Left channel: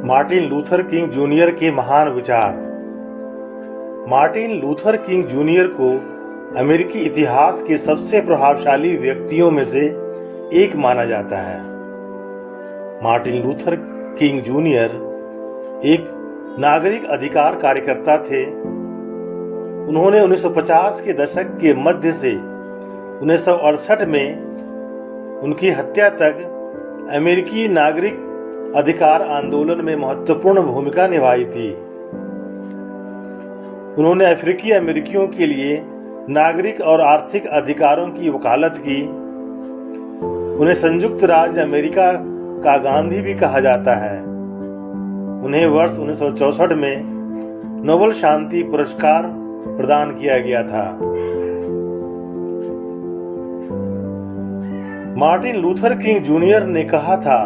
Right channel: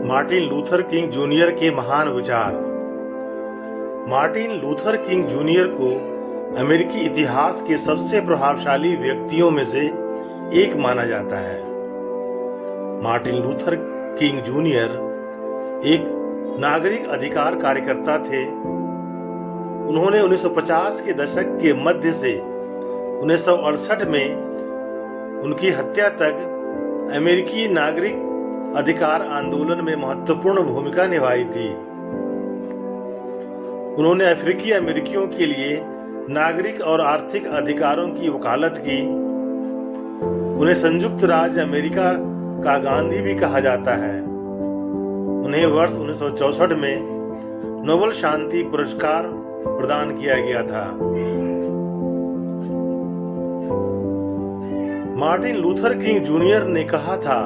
Martin Luther king junior के महान विचार। मार्टिन लूथर किंग जूनियर को अमेरिकी इतिहास के सबसे प्रभावशाली व्यक्तियों में से एक माना जाता है। मार्टिन लूथर किंग जूनियर एक नागरिक अधिकार कार्यकर्ता थे। उन्होंने 1950 के दशक के मध्य से 1968 में उनकी हत्या तक अमेरिकी नागरिक अधिकार आंदोलन में महत्वपूर्ण भूमिका निभाई थी। उन्होंने अफ्रीकी अमेरिकियों के लिए नागरिक और आर्थिक अधिकारों की वकालत की। उन्हें संयुक्त राज्य अमेरिका का गांधी भी कहा जाता है। उन्हें वर्ष 1964 में नोबेल शांति पुरस्कार प्रदान किया गया था। मार्टिन लूथर किंग जूनियर ने कहा था,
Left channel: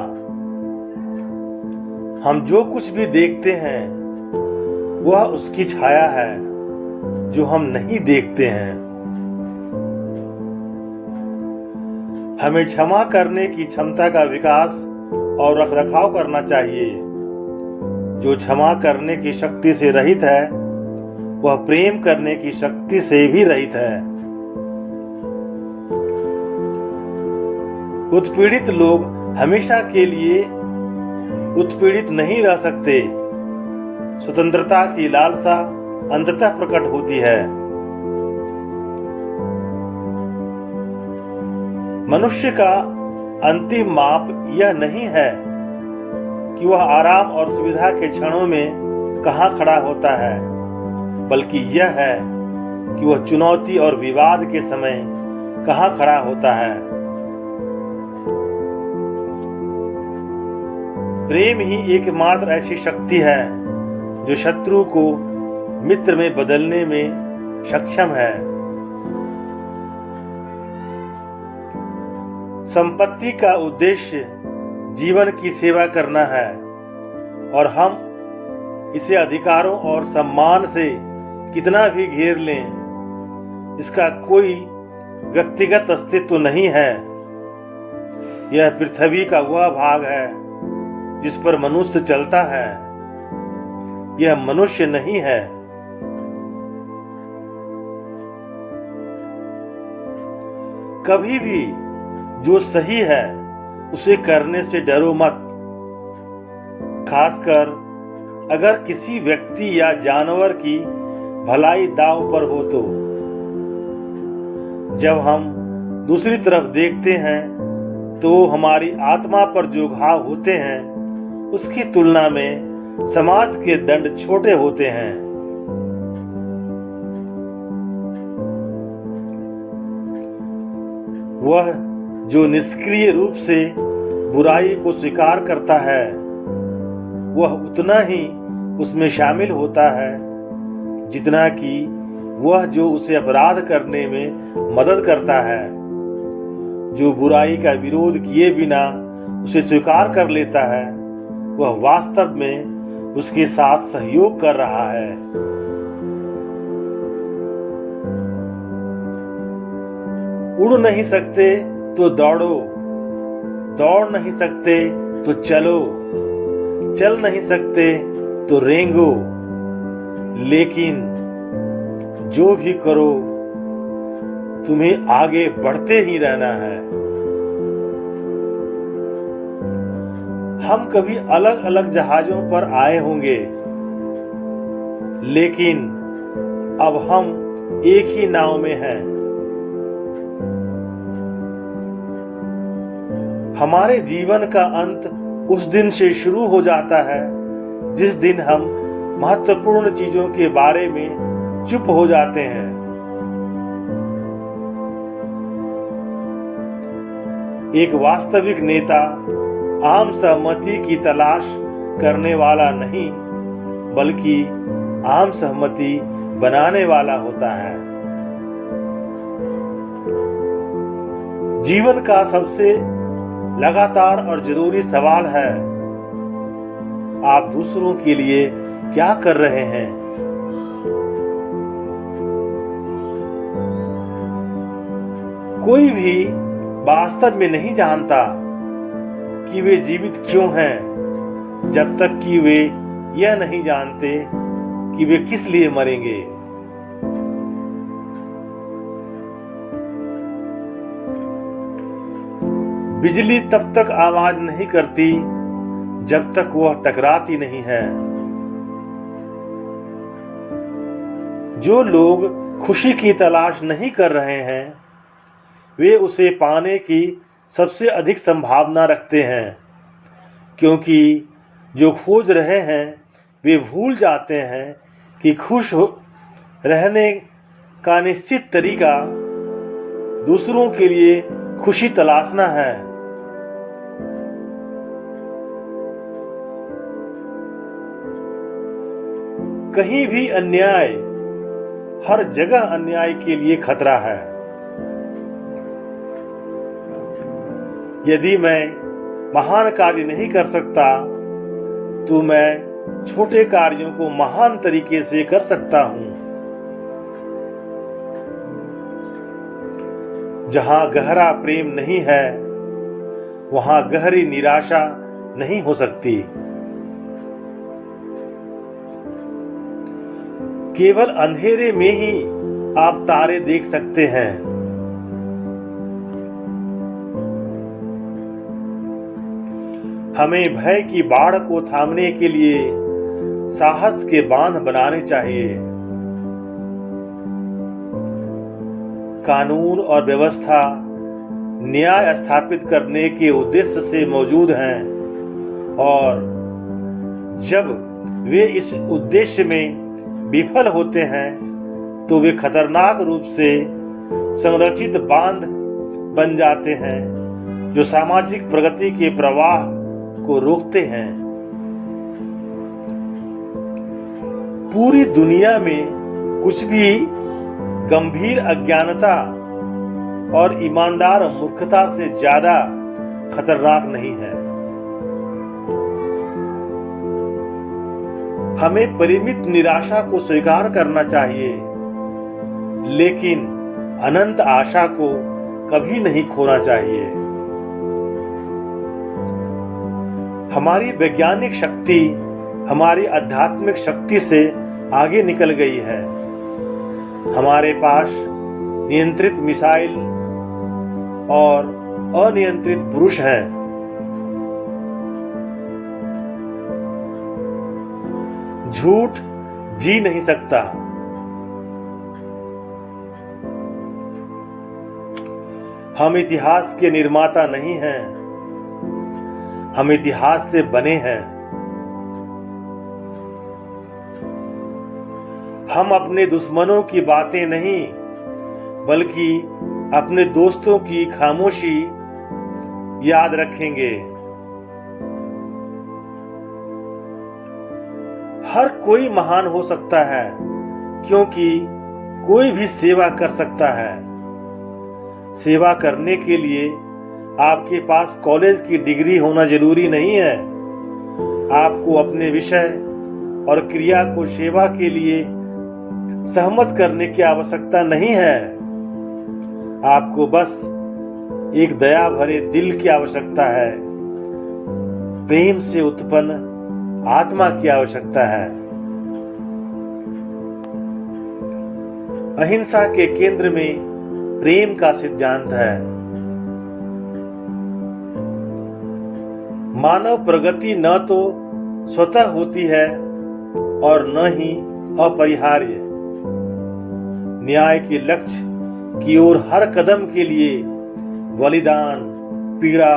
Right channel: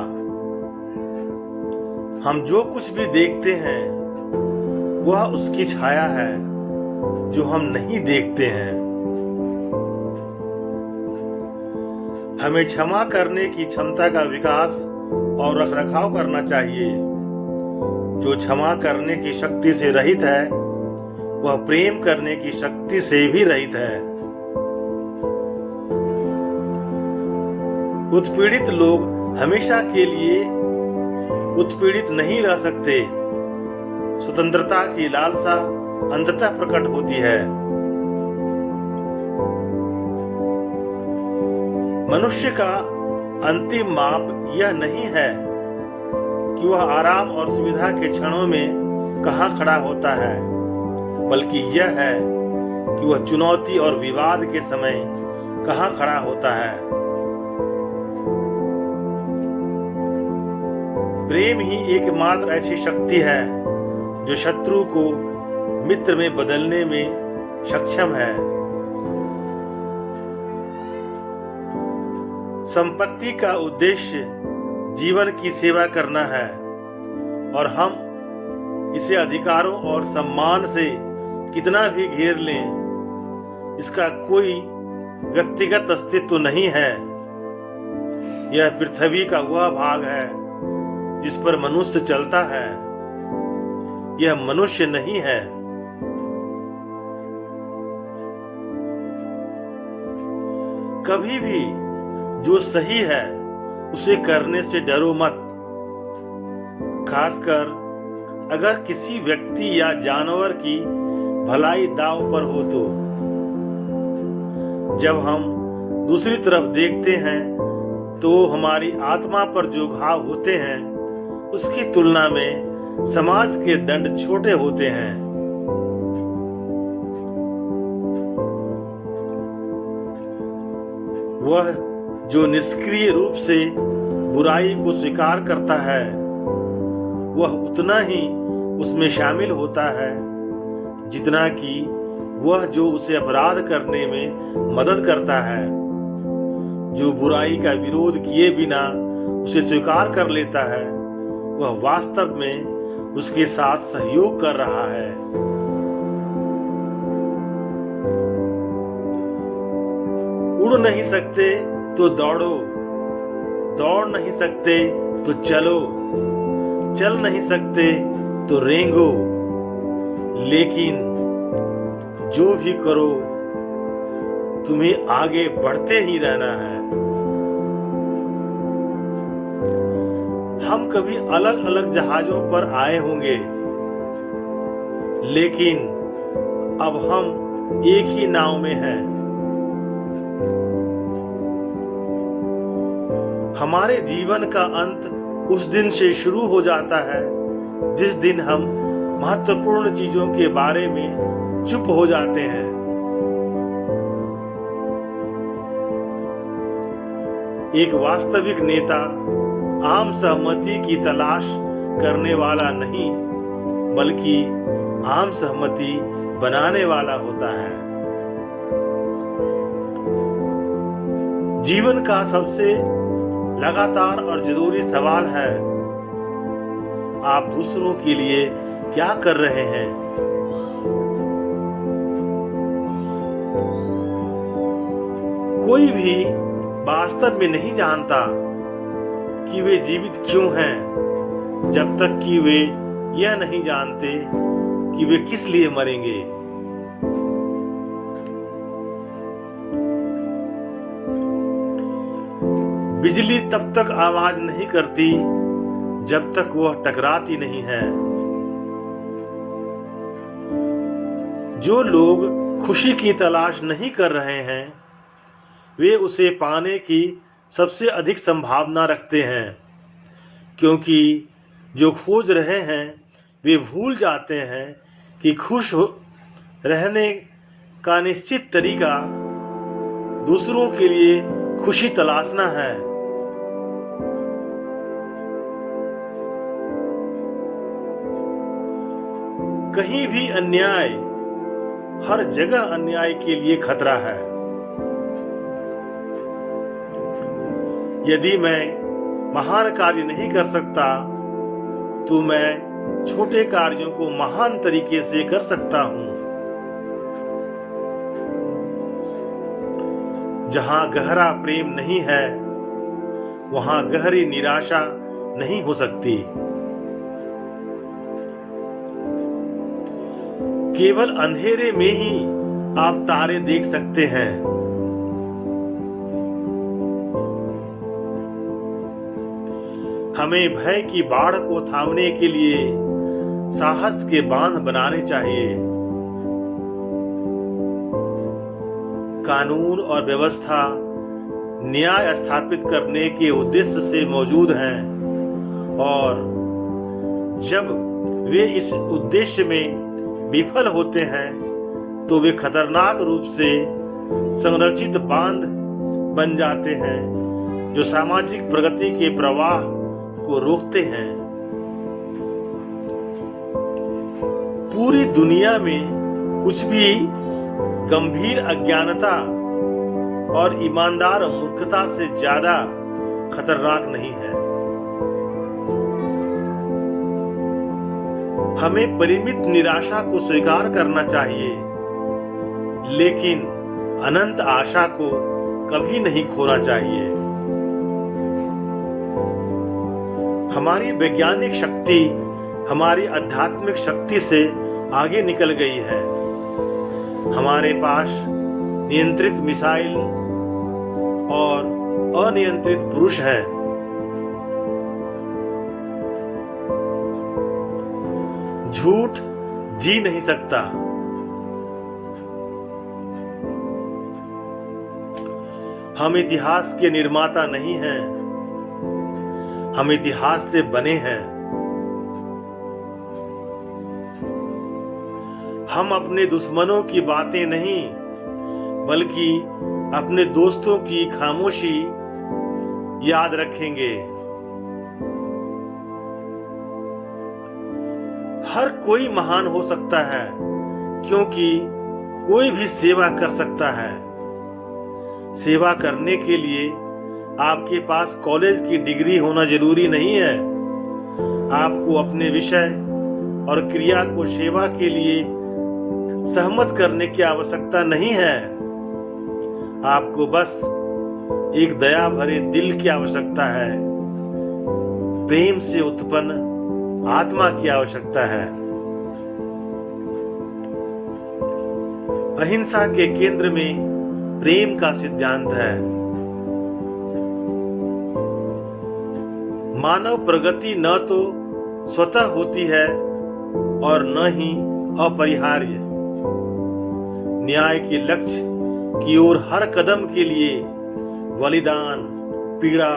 हम जो कुछ भी देखते हैं वह उसकी छाया है जो हम नहीं देखते हैं। हमें क्षमा करने की क्षमता का विकास और रखरखाव करना चाहिए। जो क्षमा करने की शक्ति से रहित है वह प्रेम करने की शक्ति से भी रहित है। उत्पीड़ित लोग हमेशा के लिए उत्पीड़ित नहीं रह सकते। स्वतंत्रता की लालसा अंततः प्रकट होती है। मनुष्य का अंतिम माप यह नहीं है कि वह आराम और सुविधा के क्षणों में कहां खड़ा होता है, बल्कि यह है कि वह चुनौती और विवाद के समय कहां खड़ा होता है। प्रेम ही एकमात्र ऐसी शक्ति है जो शत्रु को मित्र में बदलने में सक्षम है। संपत्ति का उद्देश्य जीवन की सेवा करना है और हम इसे अधिकारों और सम्मान से कितना भी घेर लें, इसका कोई व्यक्तिगत अस्तित्व नहीं है। यह पृथ्वी का वह भाग है जिस पर मनुष्य चलता है। यह मनुष्य नहीं है। कभी भी जो सही है उसे करने से डरो मत, खासकर अगर किसी व्यक्ति या जानवर की भलाई दांव पर हो तो। जब हम दूसरी तरफ देखते हैं तो हमारी आत्मा पर जो घाव होते हैं उसकी तुलना में समाज के दंड छोटे होते हैं। वह जो निष्क्रिय रूप से बुराई को स्वीकार करता है वह उतना ही उसमें शामिल होता है जितना कि वह जो उसे अपराध करने में मदद करता है। जो बुराई का विरोध किए बिना उसे स्वीकार कर लेता है वह वास्तव में उसके साथ सहयोग कर रहा है। उड़ नहीं सकते तो दौड़ो, दौड़ नहीं सकते तो चलो, चल नहीं सकते तो रेंगो, लेकिन जो भी करो तुम्हें आगे बढ़ते ही रहना है। हम कभी अलग अलग जहाजों पर आए होंगे, लेकिन अब हम एक ही नाव में हैं। हमारे जीवन का अंत उस दिन से शुरू हो जाता है जिस दिन हम महत्वपूर्ण चीजों के बारे में चुप हो जाते हैं। एक वास्तविक नेता आम सहमति की तलाश करने वाला नहीं, बल्कि आम सहमति बनाने वाला होता है। जीवन का सबसे लगातार और जरूरी सवाल है, आप दूसरों के लिए क्या कर रहे हैं? कोई भी वास्तव में नहीं जानता कि वे जीवित क्यों हैं, जब तक कि वे यह नहीं जानते कि वे किस लिए मरेंगे। बिजली तब तक आवाज नहीं करती जब तक वह टकराती नहीं है। जो लोग खुशी की तलाश नहीं कर रहे हैं वे उसे पाने की सबसे अधिक संभावना रखते हैं, क्योंकि जो खोज रहे हैं वे भूल जाते हैं कि खुश रहने का निश्चित तरीका दूसरों के लिए खुशी तलाशना है। कहीं भी अन्याय, हर जगह अन्याय के लिए खतरा है। यदि मैं महान कार्य नहीं कर सकता तो मैं छोटे कार्यों को महान तरीके से कर सकता हूं। जहां गहरा प्रेम नहीं है वहां गहरी निराशा नहीं हो सकती। केवल अंधेरे में ही आप तारे देख सकते हैं। हमें भय की बाढ़ को थामने के लिए साहस के बांध बनाने चाहिए। कानून और व्यवस्था न्याय स्थापित करने के उद्देश्य से मौजूद हैं और जब वे इस उद्देश्य में विफल होते हैं तो वे खतरनाक रूप से संरचित बांध बन जाते हैं जो सामाजिक प्रगति के प्रवाह को रोकते हैं। पूरी दुनिया में कुछ भी गंभीर अज्ञानता और ईमानदार मूर्खता से ज्यादा खतरनाक नहीं है। हमें परिमित निराशा को स्वीकार करना चाहिए, लेकिन अनंत आशा को कभी नहीं खोना चाहिए। हमारी वैज्ञानिक शक्ति हमारी आध्यात्मिक शक्ति से आगे निकल गई है। हमारे पास नियंत्रित मिसाइल और अनियंत्रित पुरुष हैं। झूठ जी नहीं सकता। हम इतिहास के निर्माता नहीं हैं, हम इतिहास से बने हैं। हम अपने दुश्मनों की बातें नहीं बल्कि अपने दोस्तों की खामोशी याद रखेंगे। हर कोई महान हो सकता है क्योंकि कोई भी सेवा कर सकता है। सेवा करने के लिए आपके पास कॉलेज की डिग्री होना जरूरी नहीं है। आपको अपने विषय और क्रिया को सेवा के लिए सहमत करने की आवश्यकता नहीं है। आपको बस एक दया भरे दिल की आवश्यकता है, प्रेम से उत्पन्न आत्मा की आवश्यकता है। अहिंसा के केंद्र में प्रेम का सिद्धांत है। मानव प्रगति न तो स्वतः होती है और न ही अपरिहार्य। न्याय के लक्ष्य की ओर हर कदम के लिए बलिदान, पीड़ा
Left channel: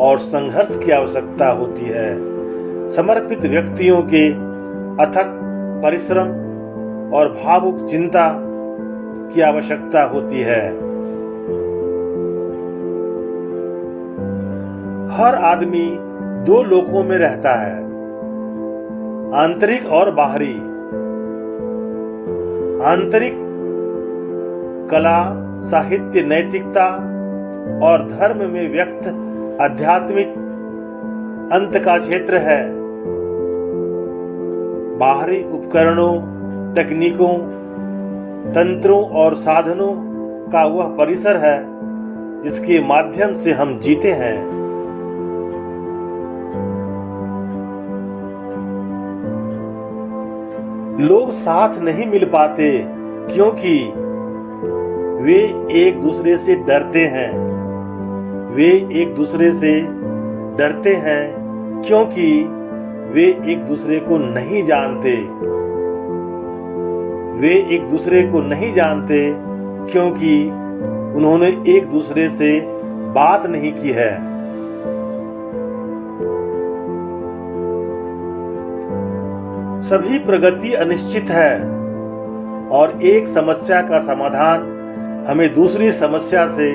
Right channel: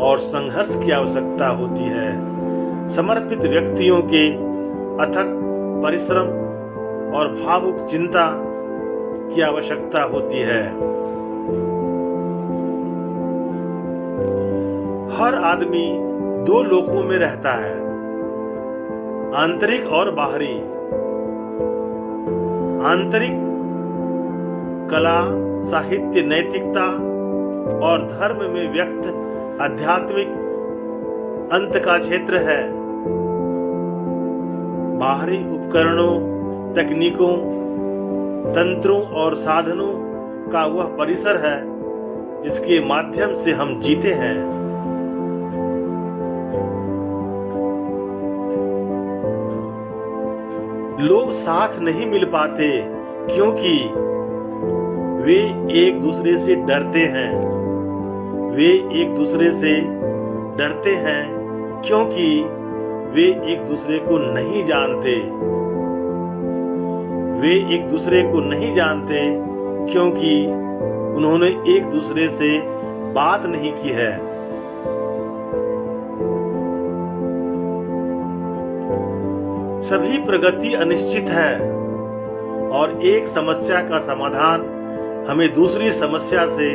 और संघर्ष की आवश्यकता होती है। समर्पित व्यक्तियों के अथक परिश्रम और भावुक चिंता की आवश्यकता होती है। हर आदमी दो लोकों में रहता है, आंतरिक और बाहरी। आंतरिक कला, साहित्य, नैतिकता और धर्म में व्यक्त आध्यात्मिक अंत का क्षेत्र है। बाहरी उपकरणों, तकनीकों, तंत्रों और साधनों का वह परिसर है जिसके माध्यम से हम जीते हैं। लोग साथ नहीं मिल पाते क्योंकि वे एक दूसरे से डरते हैं। वे एक दूसरे से डरते हैं क्योंकि वे एक दूसरे को नहीं जानते। वे एक दूसरे को नहीं जानते क्योंकि उन्होंने एक दूसरे से बात नहीं की है। सभी प्रगति अनिश्चित है और एक समस्या का समाधान हमें दूसरी समस्या से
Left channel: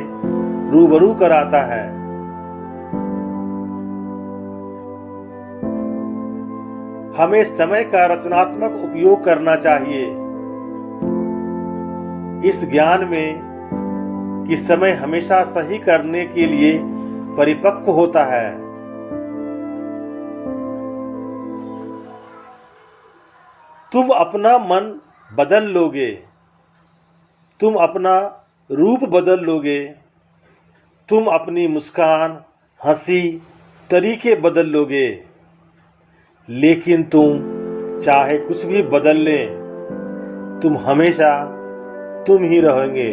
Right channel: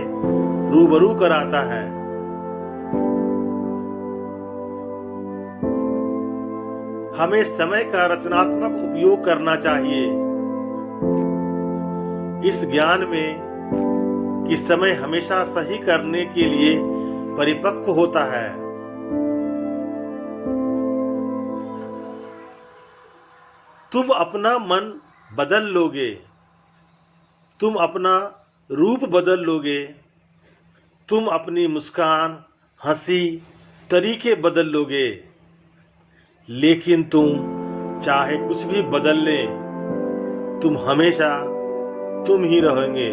रूबरू कराता है। हमें समय का रचनात्मक उपयोग करना चाहिए, इस ज्ञान में कि समय हमेशा सही करने के लिए परिपक्व होता है। तुम अपना मन बदल लोगे, तुम अपना रूप बदल लोगे, तुम अपनी मुस्कान, हंसी, तरीके बदल लोगे, लेकिन तुम चाहे कुछ भी बदल ले, तुम हमेशा तुम ही रहोगे।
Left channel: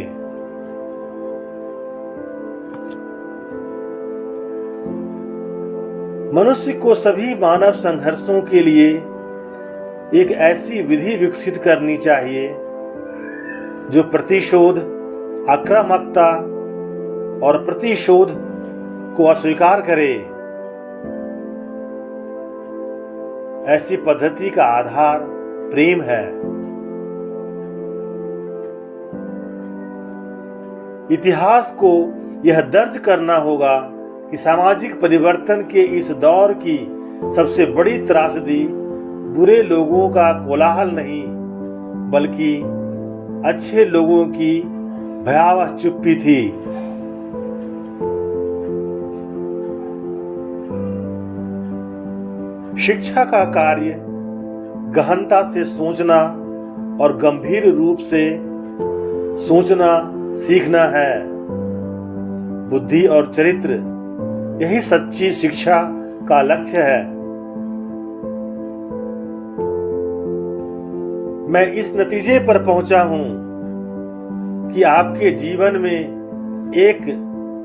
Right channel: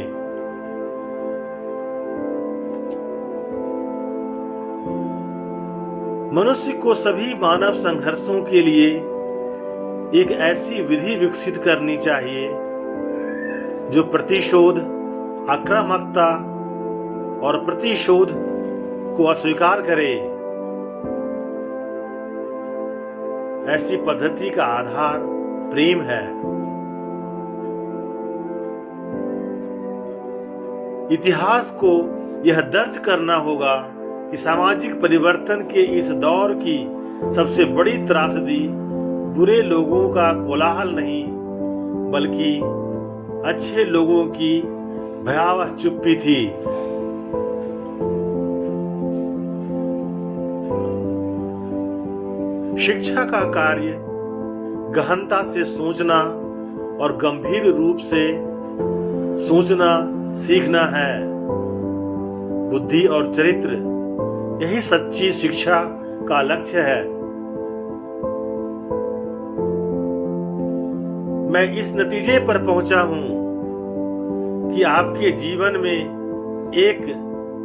मनुष्य को सभी मानव संघर्षों के लिए एक ऐसी विधि विकसित करनी चाहिए जो प्रतिशोध, आक्रामकता और प्रतिशोध को अस्वीकार करे। ऐसी पद्धति का आधार प्रेम है। इतिहास को यह दर्ज करना होगा कि सामाजिक परिवर्तन के इस दौर की सबसे बड़ी त्रासदी बुरे लोगों का कोलाहल नहीं, बल्कि अच्छे लोगों की भयावह चुप्पी थी। शिक्षा का कार्य गहनता से सोचना और गंभीर रूप से सोचना सीखना है। बुद्धि और चरित्र, यही सच्ची शिक्षा का लक्ष्य है। मैं इस नतीजे पर पहुंचा हूं कि आपके जीवन में एक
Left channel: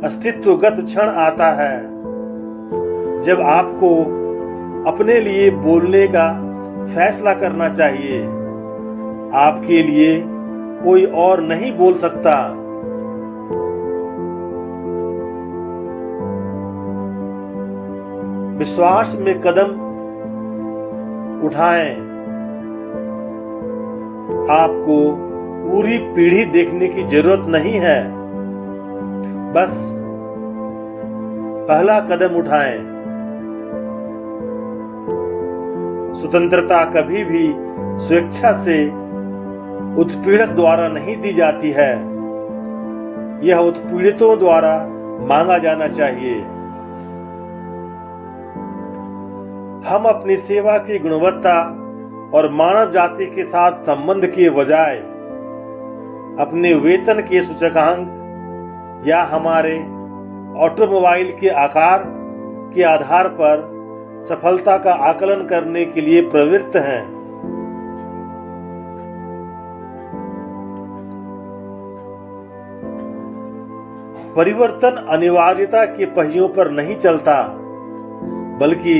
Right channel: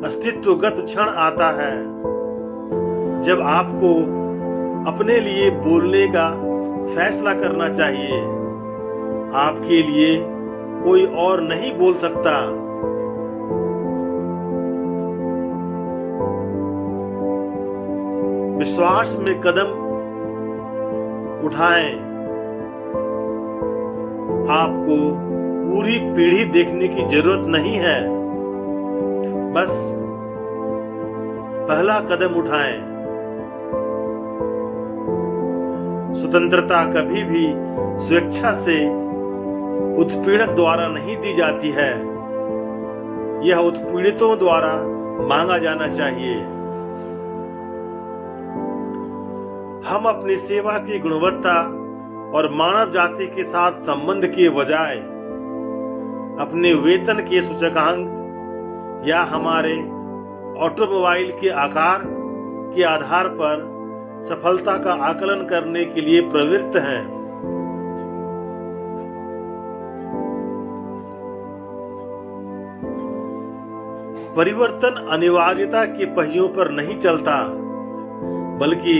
अस्तित्वगत क्षण आता है जब आपको अपने लिए बोलने का फैसला करना चाहिए। आपके लिए कोई और नहीं बोल सकता। विश्वास में कदम उठाएं। आपको पूरी पीढ़ी देखने की जरूरत नहीं है, बस पहला कदम उठाएं। स्वतंत्रता कभी भी स्वेच्छा से उत्पीड़क द्वारा नहीं दी जाती है, यह उत्पीड़ितों द्वारा मांगा जाना चाहिए। हम अपनी सेवा की गुणवत्ता और मानव जाति के साथ संबंध के बजाय अपने वेतन के सूचकांक या हमारे ऑटोमोबाइल के आकार के आधार पर सफलता का आकलन करने के लिए प्रवृत्त हैं। परिवर्तन अनिवार्यता के पहियों पर नहीं चलता, बल्कि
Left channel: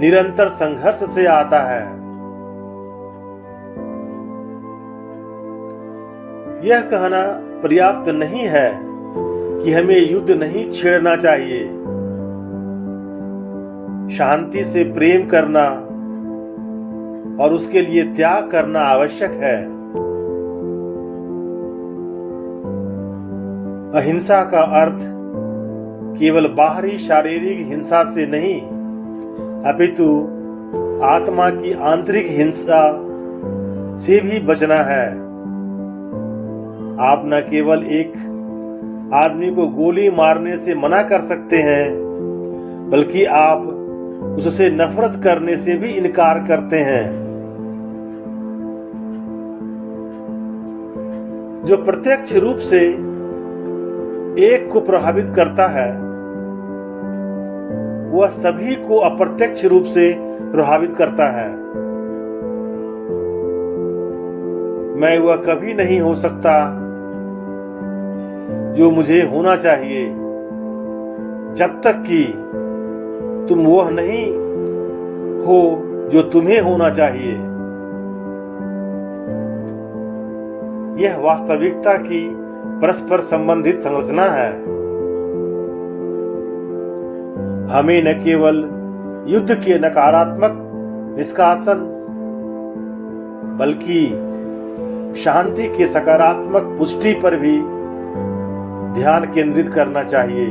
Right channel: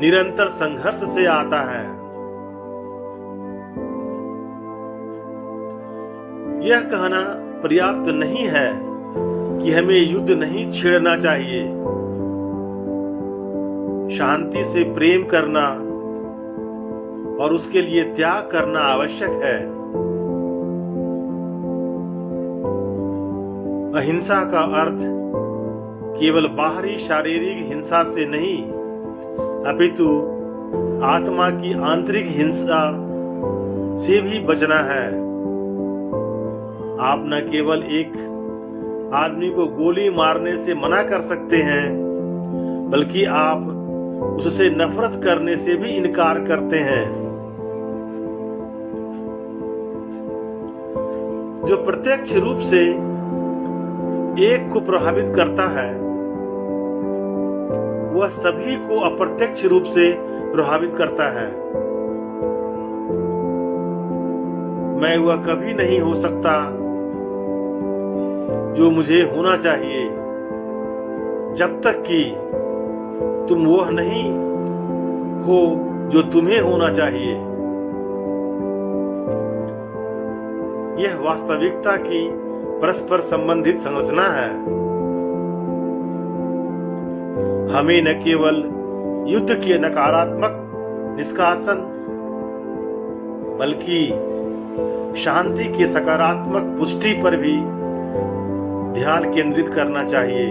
निरंतर संघर्ष से आता है। यह कहना पर्याप्त नहीं है कि हमें युद्ध नहीं छेड़ना चाहिए। शांति से प्रेम करना और उसके लिए त्याग करना आवश्यक है। अहिंसा का अर्थ केवल बाहरी शारीरिक हिंसा से नहीं, अपितु आत्मा की आंतरिक हिंसा से भी बचना है। आप न केवल एक आदमी को गोली मारने से मना कर सकते हैं, बल्कि आप उससे नफरत करने से भी इनकार करते हैं। जो प्रत्यक्ष रूप से एक को प्रभावित करता है, वह सभी को अप्रत्यक्ष रूप से प्रभावित करता है। मैं वह कभी नहीं हो सकता जो मुझे होना चाहिए, जब तक कि तुम वह नहीं हो जो तुम्हें होना चाहिए। यह वास्तविकता की परस्पर संबंधित संरचना है। हमें न केवल युद्ध के नकारात्मक निष्कासन बल्कि शांति के सकारात्मक पुष्टि पर भी ध्यान केंद्रित करना चाहिए।